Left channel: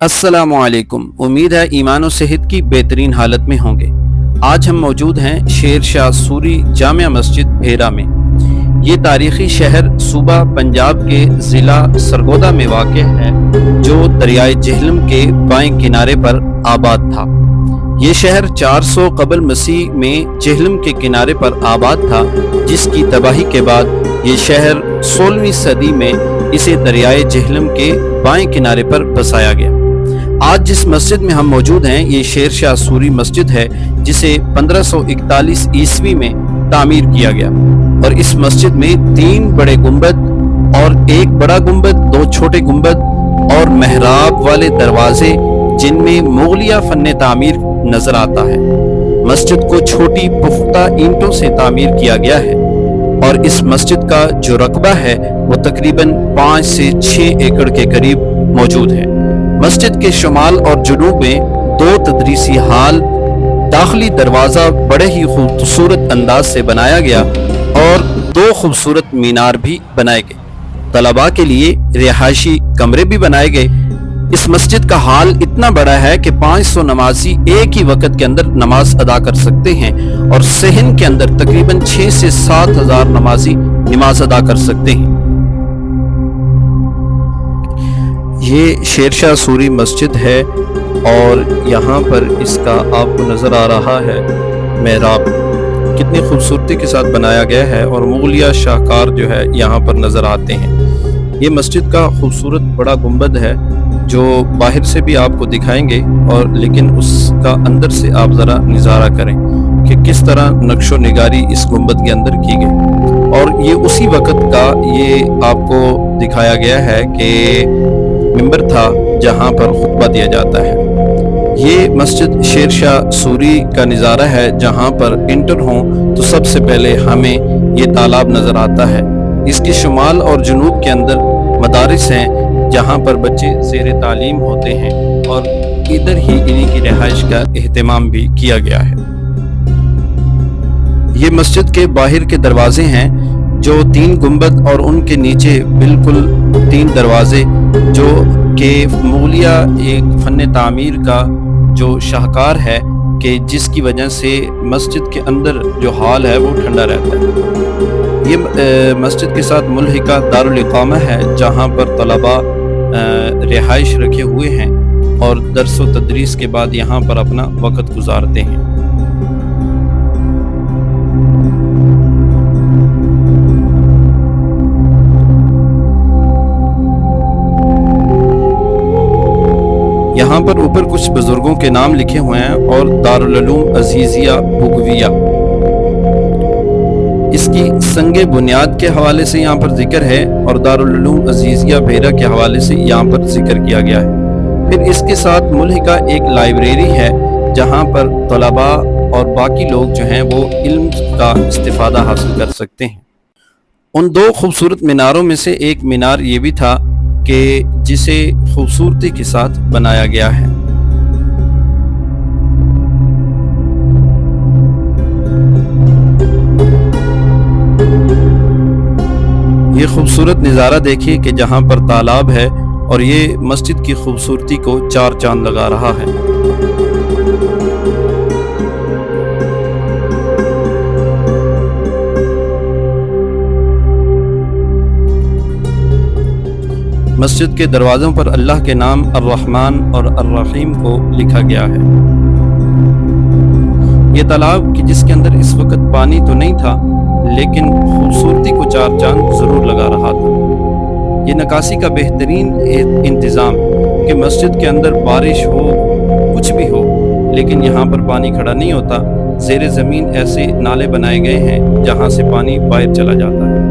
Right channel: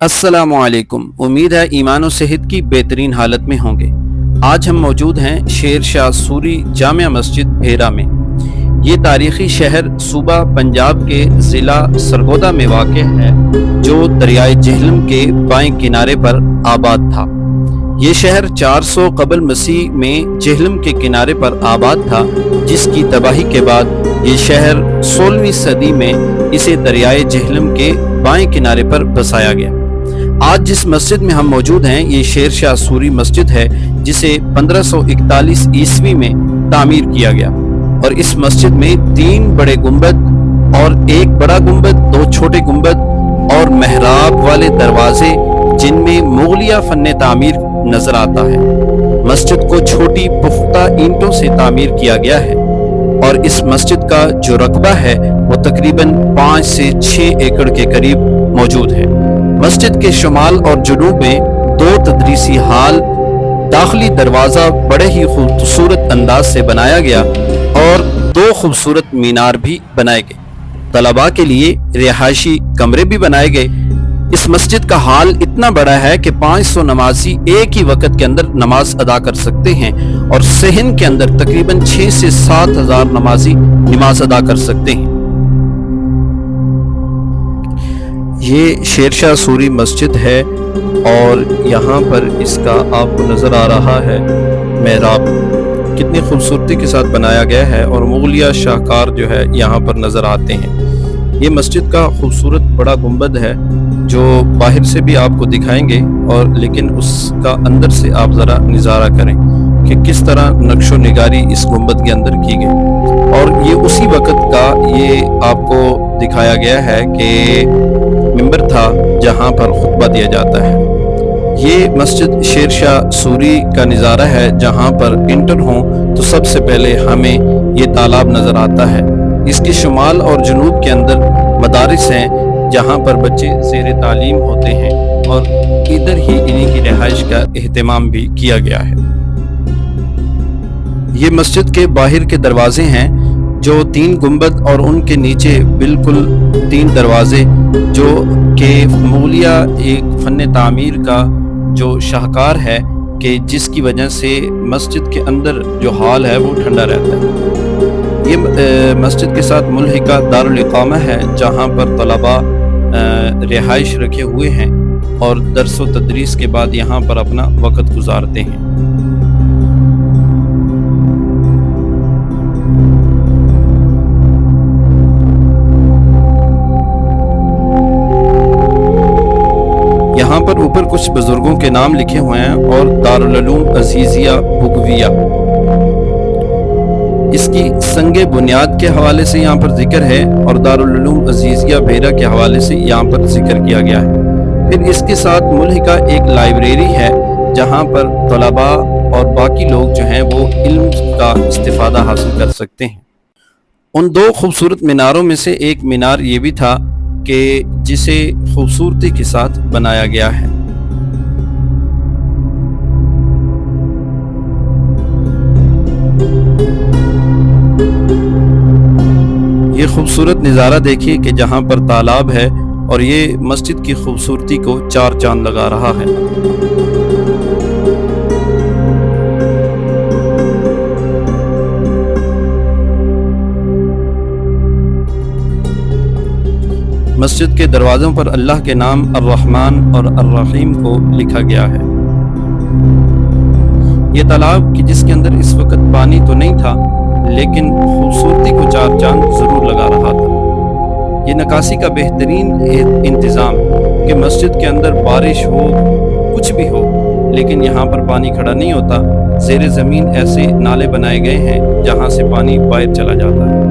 अस्सलामु अलैकुम। उम्मीद है ईमान और सेहत की बेहतरीन हालत में होंगे। आज हम मौजूद हैं शेर शाह सूरी जामिया मस्जिद भेरा में। ये तारीख़ी शहर सूबा पंजाब के ज़िला सरगोदा में वाक़ है, जो दरियाए जेहलम के बाएं किनारे पर आबाद था। ये शहर 400 कबल मसीह में जेहलम के किनारे पर आबाद था, जिसकी तबाही के बाद ये शहर 16वीं सदी में इसे दरियाए जेहलम के बाएं किनारे पर बसाया गया। आज जिस मस्जिद में हम मौजूद हैं, ये शेर शाह सूरी मस्जिद है, जिसे 1541 ईस्वी में तामीर किया गया और इस मस्जिद में 3 बड़े गुंबद और 1 बड़ा गुंबद, 2 छोटे गुंबद और मेहराब वाले दरवाजे, जिनमें मुगलिया फन्ने तामीर नजर आता है। मस्जिद को छोटी पुख्ता ईंटों से तामीर किया गया है और इस मस्जिद का जो रकबा है वो तकरीबन 5 से 6 एकड़ के करीब मौजूद है। मस्जिद के शुमाल और जुनूब में 2 तदरीसी हाल, दाखिली दरवाज़ा बड़े ही खूबसूरत अंदाज से बनाया गया और 2 खूबसूरत मीनार भी बनाए गए। तलबा के लिए रिहायशी कमरे भी बनाए गए। इस मस्जिद का हाल इतना बड़ा है कि 500 नमाजी एक ही वक्त के अंदर नमाज अदा कर सकते हैं और सहन के अंदर तकरीबन 6 से 7 हज़ार नमाजी नमाज अदा कर सकते हैं। ये शेर शाह सूरी मस्जिद है और यहाँ पर इसका आपको नज़र आ रहा है मेहराब कितनी खूबसूरती के साथ बनाया गया है और मुगलिया शाहकार जो है यहाँ पर नज़र आते हैं। ये मस्जिद का खूबसूरत बड़ा गुंबद है जो बाहर से भी आपको दिखाएंगे, और लेकिन उसका अंदर से आप ज़रा नज़ारा करें कि किस तरह नक्शो निगारी इस गुंबद के अंदर की गई। और ये उसी वक़्त का ये आपको दिखाया गया है कि मिंबर था जहाँ पर खुतबा दिया जाता है। ये मस्जिद शेर शाह सूरी का नज़ारा है, जहाँ पर इंटर हों तो सबसे पहले हमें ये तालाब नज़र आता है। इसके शुमाल और जुनूब के अंदर मदारिस हैं, जहाँ पर बच्चे ज़ेर तालीम होते हैं और इधर ही इन्हीं की रिहाइश का एहतमाम भी किया गया है। ये मस्जिद के बाहर के दरवाजे हैं जो 3 गुंबद और उनके नीचे बिल्कुल 3 दरवाजे, जो कि मुगलिया एक फ़न तामीर का जो शाहकार है कि जिसकी वजह से मस्जिद के अंदर जो हाल है वो ठंडा रहता है। ये मस्जिद के साथ मुल्हिका दारुल इकामा है, जहाँ पर तलबा रिहाइश रखे हुए हैं और दर्स व तदरीस के बाद यहाँ पर अपना वक़्त गुजारते हैं। यहाँ पर ऊपर कुछ बुजुर्गों के नाम लिखे हुए हैं और दारुल उलूम अजीजिया बुगविया, इसकी संगे बुनियाद के हवाले से यहाँ पर जिक्र है और दारुल उलूम अजीजिया भेरा के हवाले से यहाँ पर जिक्र किया गया है। फिर इसके साथ मुल्हिका एक लाइब्रेरी है, जहाँ पर तलबा और बाकी लोग जो हैं वो इल्म का इस्तिफादा हासिल कर सकते हैं। उन 2 खूबसूरत मीनारों में से एक मीनार ये भी था कि जिसे खूबसूरती के साथ बनाया गया है। ये खूबसूरत नज़ारा देखिए कि जहाँ पर तालाब है और ये मस्जिद की खूबसूरती को 4 चांद लगा रहा है। मस्जिद के दरवाज़ों पर अल्लाह के नाम अर्रहमान और अर्रहीम को लिखा गया है। ये तालाब कि जिसके अंदर इस वक्त पानी तो नहीं था, लेकिन खूबसूरती को 4 चांद ज़रूर लगा रहा था। ये नकासी का बेहतरीन इंतज़ाम कि मस्जिद के अंदर बारिश हो, कुछ भी हो, लेकिन यहाँ पर पानी खड़ा नहीं होता। ज़ेरे ज़मीन ऐसे नाले बनाए गए हैं जहाँ से पानी बाहर चला जाता है।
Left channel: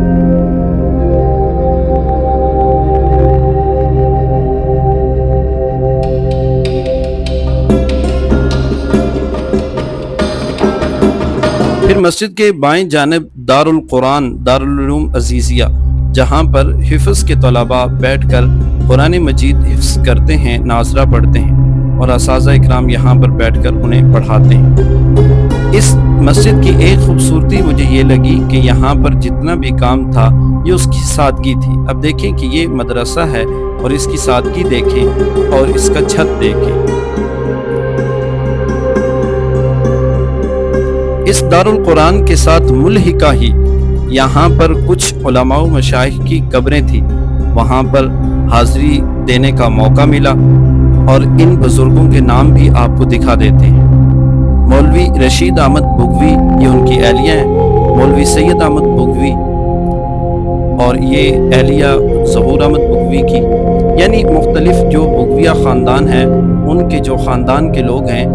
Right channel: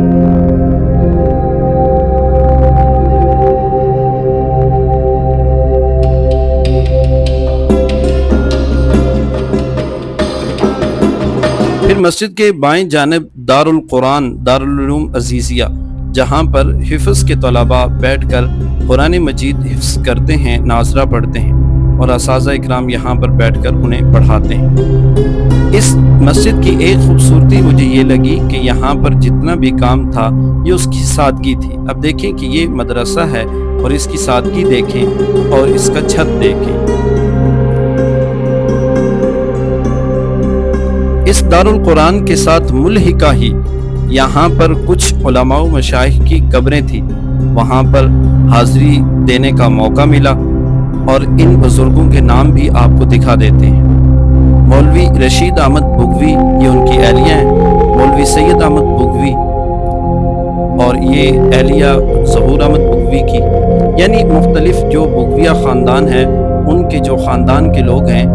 फिर मस्जिद के बाएं जानिब दारुल कुरान दारुल उलूम अजीजिया, जहाँ पर हिफ्ज़ के तलबा बैठकर कुरान मजीद हिफ्ज़ करते हैं, नाज़रा पढ़ते हैं और असाज़ा इकराम यहाँ पर बैठकर उन्हें पढ़ाते हैं। इस मस्जिद की एक खूबसूरती मुझे ये लगी कि यहाँ पर जितना भी काम था یہ اس کی سادگی تھی۔ اب دیکھیں کہ یہ مدرسہ ہے اور اس کی سادگی دیکھیں اور اس کا چھت دیکھیں۔ اس دارالقرآن کے ساتھ ملحقہ ہی یہاں پر کچھ علماء و مشائخ کی قبریں تھیں، وہاں پر حاضری دینے کا موقع ملا اور ان بزرگوں کے نام بھی آپ کو دکھا دیتے ہیں۔ مولوی رشید احمد بگوی، یہ ان کی اہلیہ ہیں، مولوی سید احمد بگوی، اور یہ اہلیہ ظہور احمد بگوی کی، یعنی مختلف جو بگویہ خاندان ہیں ان کے جو خاندان کے لوگ ہیں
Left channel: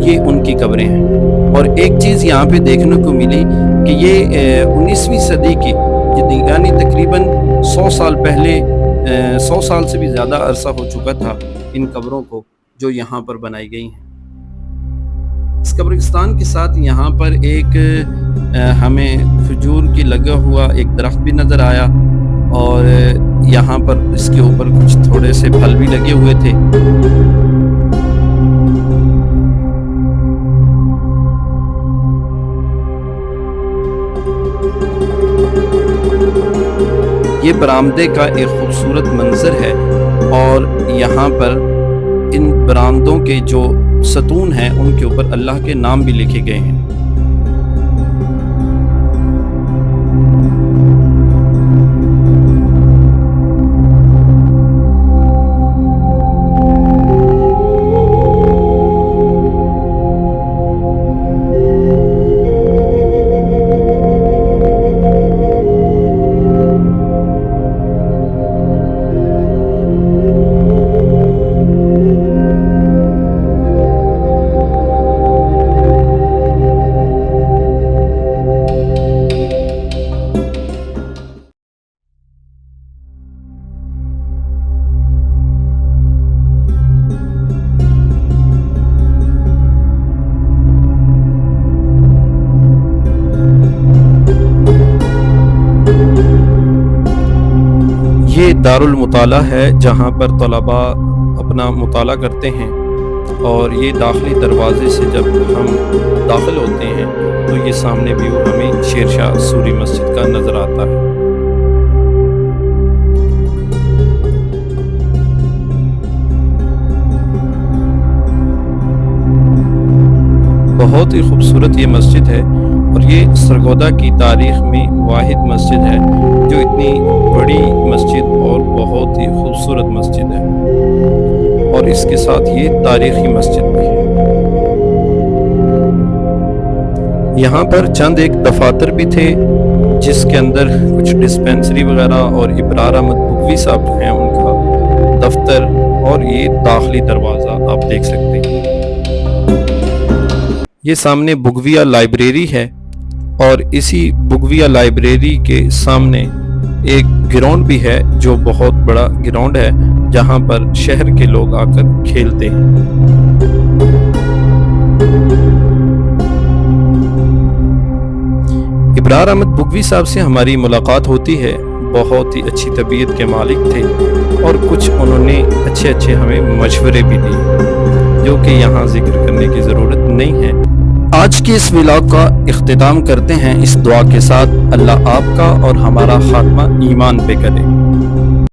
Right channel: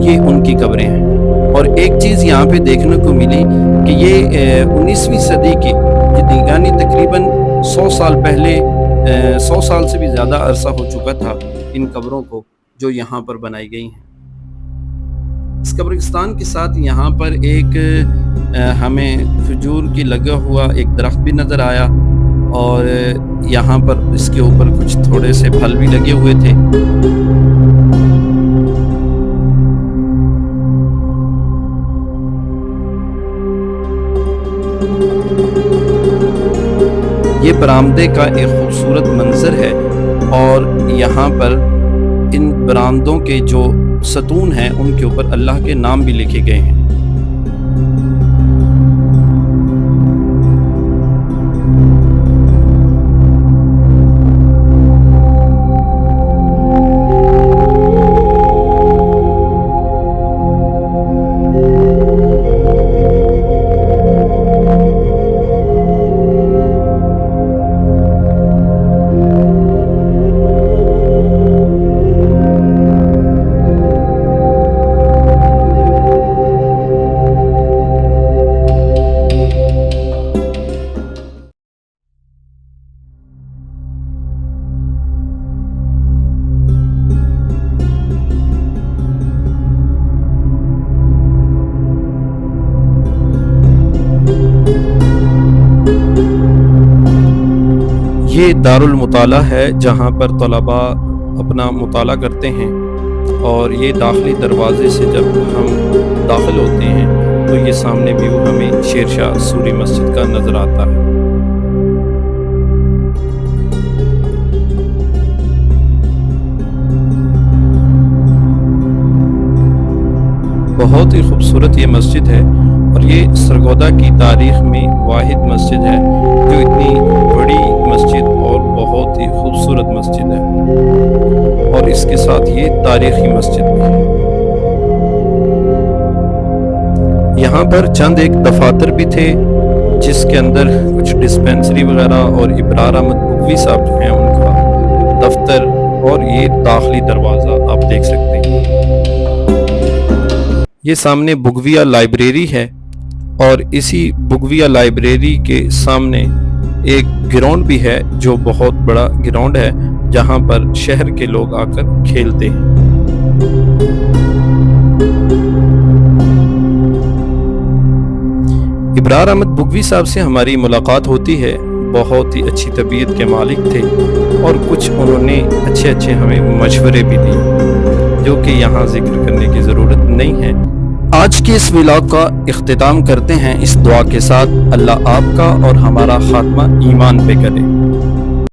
یہ ان کی قبریں ہیں۔ اور ایک چیز یہاں پہ دیکھنے کو ملی کہ یہ 19ویں صدی کی، یعنی تقریباً 100 سال پہلے، 100 سال سے بھی زیادہ عرصہ ہو چکا تھا ان قبروں کو جو یہاں پر بنائی گئی ہیں۔ اس قبرستان کے ساتھ یہاں پر ایک ہمیں کھجور کی لگا ہوا ایک درخت بھی نظر آیا، اور یہاں پر اس کے اوپر کچھ تھوڑے سے پھل بھی لگے ہوئے تھے۔ یہ برآمدے کا ایک خوبصورت منظر ہے، اور یہاں پر ان برآمدوں کے جو ستون ہیں ان کے اوپر اللہ کے نام بھی لکھے گئے ہیں۔ یہ دارالمطالعہ ہے جہاں پر طلباء اپنا مطالعہ کرتے ہیں، اور یہ داخلی دروازے سے جب ہم داخل ہوتے ہیں تو یہ سامنے ویو ہمیں شیر شاہ سوری مسجد کا نظر آتا ہے۔ بہت ہی خوبصورت یہ مسجد ہے، اور یہ سرگودا کی تاریخ میں واحد مسجد ہے جو اتنی بڑی مسجد اور بہت ہی خوبصورت مسجد ہے، اور اس کے ساتھ یہ تاریخی مسجد بھی ہے۔ یہاں پر چند ایک دفاتر بھی تھے جس کے اندر کچھ ڈسپینسری وغیرہ، اور ابرار احمد بگوی صاحب جو ہیں ان کا دفتر، اور یہ داخلی دروازہ آپ دیکھ سکتے ہیں۔ یہ سامنے بگویہ لائبریری ہے، اور اسی بگویہ لائبریری کے سامنے ایک گراؤنڈ بھی ہے جو بہت بڑا گراؤنڈ ہے جہاں پر شہر کے لوگ آ کر کھیلتے ہیں۔ ابرار احمد بگوی صاحب سے ہماری ملاقات ہوتی ہے، بہت ہی اچھی طبیعت کے مالک تھے، اور کچھ انہوں نے اچھے ہمیں مشورے بھی دیے جو کہ یہاں ذکر کرنے کی ضرورت نہیں ہے۔ آج کے اس ولاگ کا اختتام کرتے ہیں اس دعا کے ساتھ، اللہ آپ کا اور ہمارا خاتمہ ایمان پہ کرے۔